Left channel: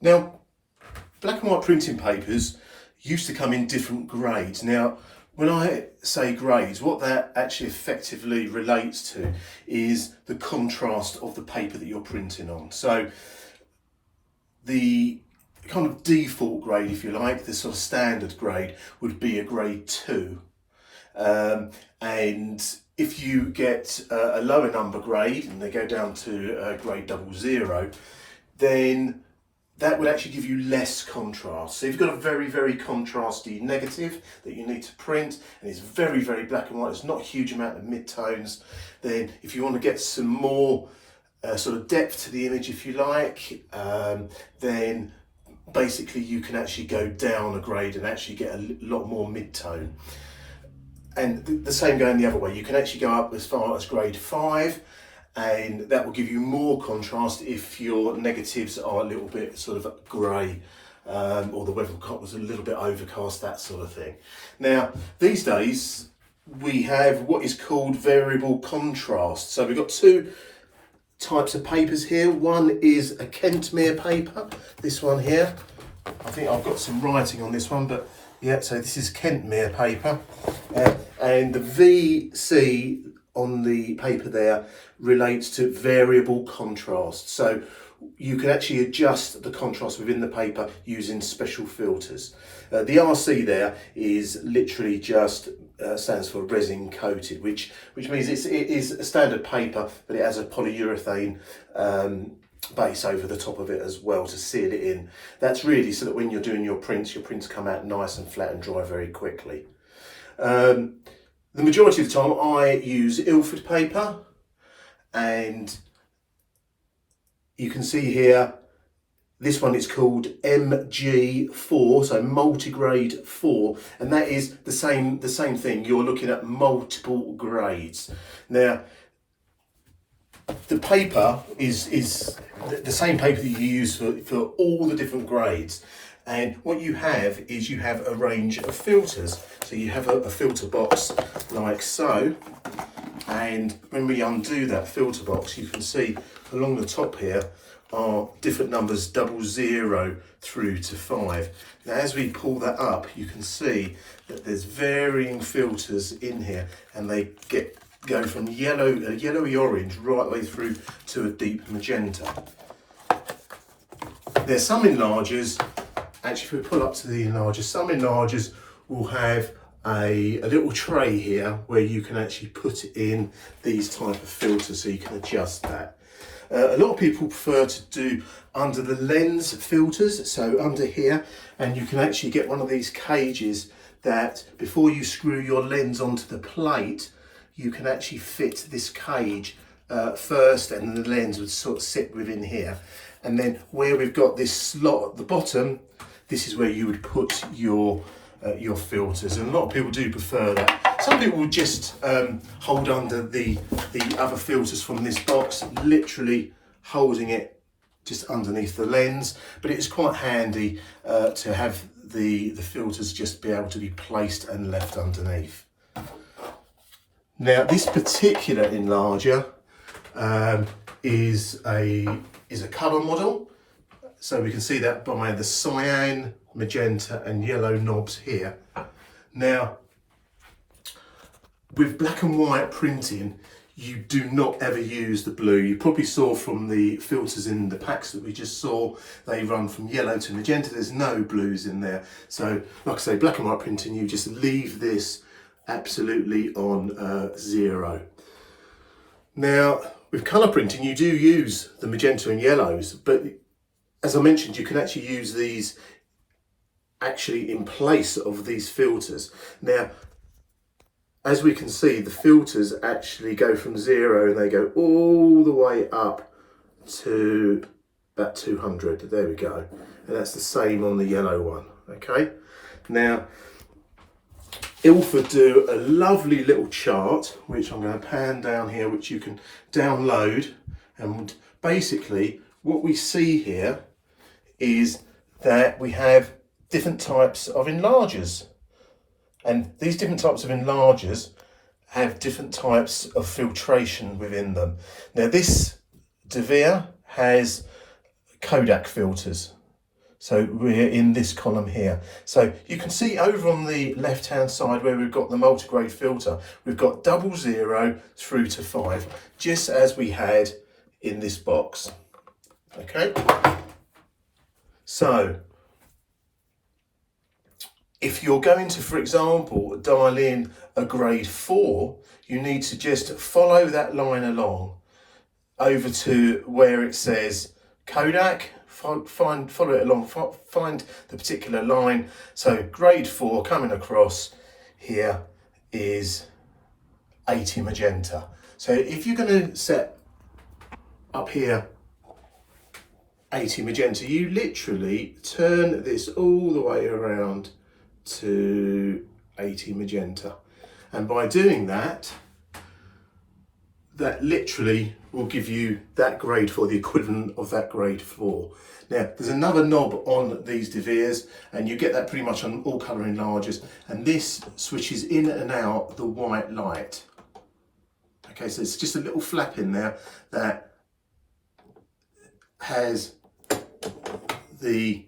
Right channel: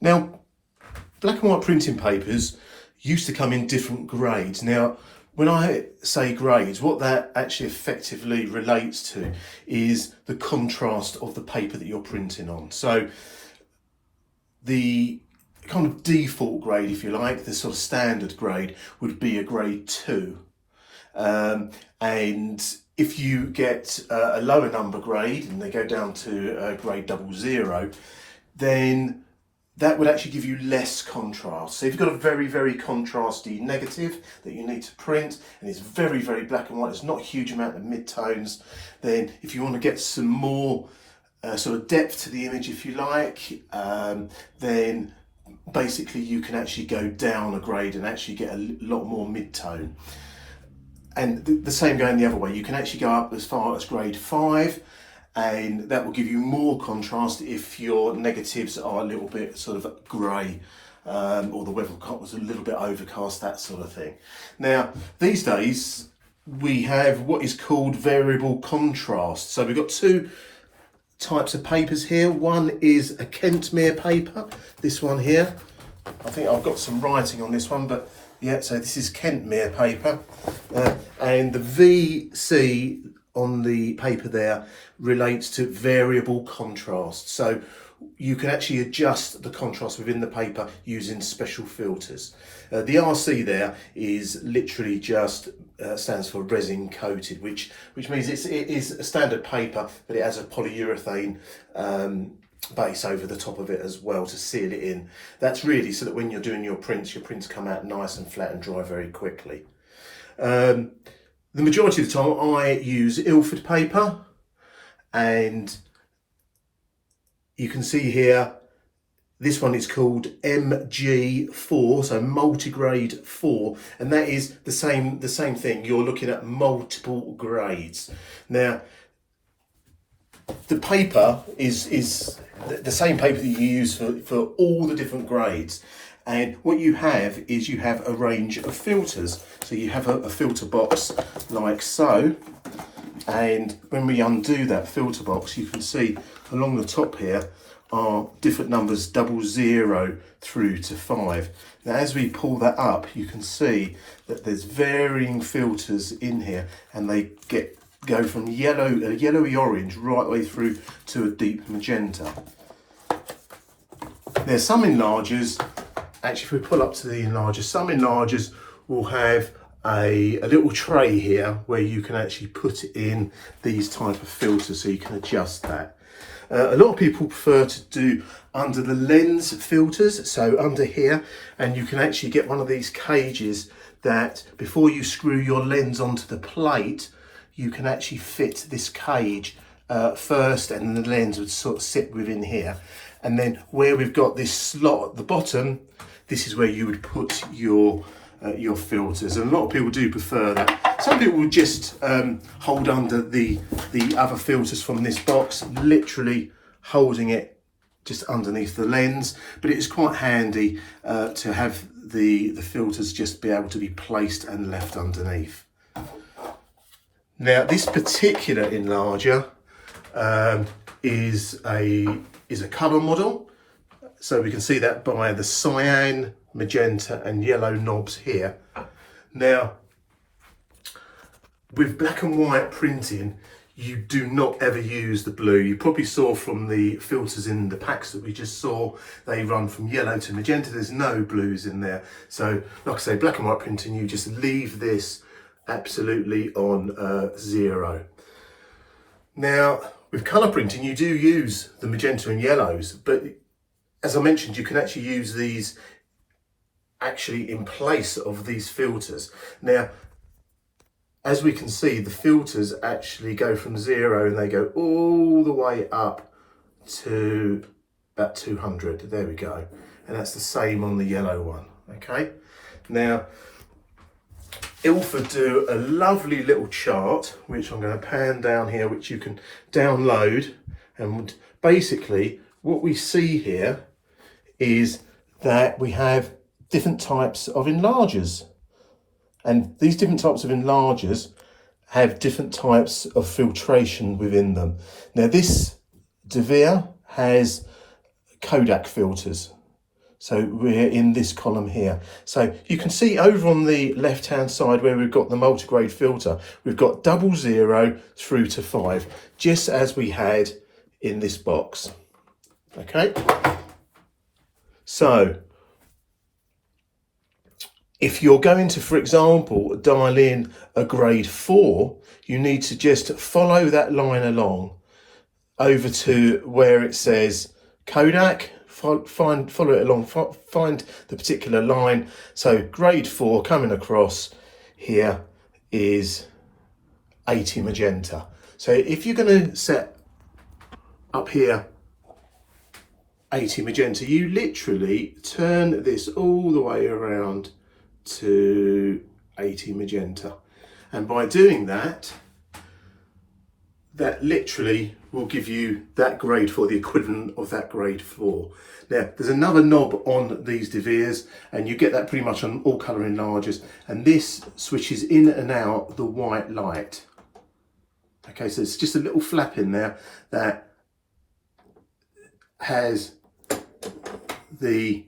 Now, black and white printing papers used to come in different grades. Now, when I say grades, what that actually effectively relates to is the contrast of the paper that you're printing on. So the kind of default grade, if you like, the sort of standard grade would be a grade 2. And if you get a lower number grade and they go down to grade 00, then that would actually give you less contrast. So if you've got a very, very contrasty negative that you need to print and it's very, very black and white, there's not a huge amount of mid-tones, then if you want to get some more sort of depth to the image, if you like, then basically you can actually go down a grade and actually get a lot more mid-tone. And the same going the other way, you can actually go up as far as grade 5, and that will give you more contrast if your negatives are a little bit sort of grey, or the weather was a little bit overcast, that sort of thing. Now, these days we have what is called variable contrast. So we've got two types of papers here. One is a Kentmere paper, this one here. I think I've got some writing on this one, but yeah, so this is Kentmere paper, and the VC on the paper there relates to variable contrast. So you can actually adjust the contrast within the paper using special filters. The RC there is literally just stands for resin coated, which means it is a standard paper, but it has a polyurethane base over the top of it as well to seal it in. That's really so that when you're doing your prints come out nice and flat and dry very quickly. The majority of the time I use Ilford paper, and you can see here this one is called MG4, so multigrade 4, and that is the same thing. You're looking at multiple grades. Now, the paper is the same paper that you use for all the different grades. And what you have is you have a range of filters. So you have a filter box like so. And when we undo that filter box, you can see along the top here are different numbers 00 through to 5. Now, as we pull that up, you can see that there's varying filters in here, and they go from yellowy orange right the way through to a deep magenta. There's some enlargers, actually if we pull up to the enlarger, some enlargers will have a little tray here where you can actually put in these type of filters, so you can adjust that. A lot of people prefer to do under the lens filters, so under here, and you can actually get one of these cages that before you screw your lens onto the plate, you can actually fit this cage first, and then the lens would sort of sit within here. And then where we've got this slot at the bottom, this is where you would put your filters, and a lot of people do prefer that. Some people will just hold under the other filters from this box, literally holding it just underneath the lens, but it is quite handy to have the filters just be able to be placed and left underneath. Now, this particular enlarger is a colour model, so we can see that by the cyan, magenta and yellow knobs here. Now, with black and white printing, you do not ever use the blue. You probably saw from the filters in the packs that we just saw, they run from yellow to magenta. There's no blues in there. So like I say, black and white printing, you just leave this absolutely on 0. Now, with colour printing, you do use the magenta and yellows, but as I mentioned, you can actually use these actually in place of these filters. Now, as we can see, the filters actually go from 0 and they go all the way up to about 200. There we go. And that's the same on the yellow one, okay? Now, Ilford do a lovely little chart, which I'm going to pan down here, which you can download. And basically, what we see here is that we have different types of enlargers. And these different types of enlargers have different types of filtration within them. Now, this Devere has Kodak filters. So we're in this column here. So you can see over on the left hand side where we've got the multigrade filter, we've got 00 through to 5, just as we had in this box. Okay, so if you're going to, for example, dial in a grade 4, you need to just follow that line along over to where it says Kodak. Follow it along, find the particular line. So grade 4 coming across here is 80 magenta. So if you're going to set up here 80 magenta, you literally turn this all the way around to 80 magenta, and by doing that, that literally will give you that grade 4, the equivalent of that grade 4. Now, there's another knob on these De Beers, and you get that pretty much on all colour enlargers, and this switches in and out the white light. Okay, so it's just a little flap in there that has the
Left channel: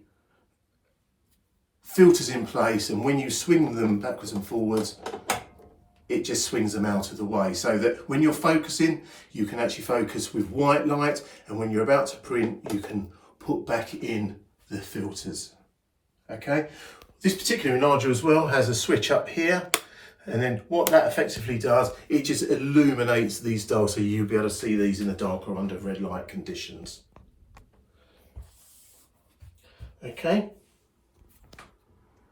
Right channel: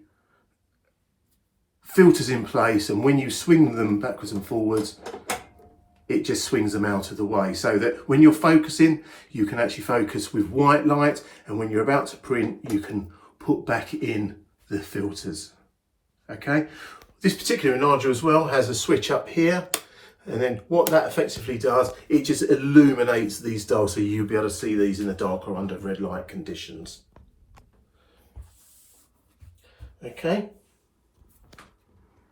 filters in place, and when you swing them backwards and forwards, it just swings them out of the way, so that when you're focusing, you can actually focus with white light, and when you're about to print, you can put back in the filters. Okay, this particular enlarger as well has a switch up here, and then what that effectively does, it just illuminates these dials, so you'll be able to see these in the dark or under red light conditions. Okay.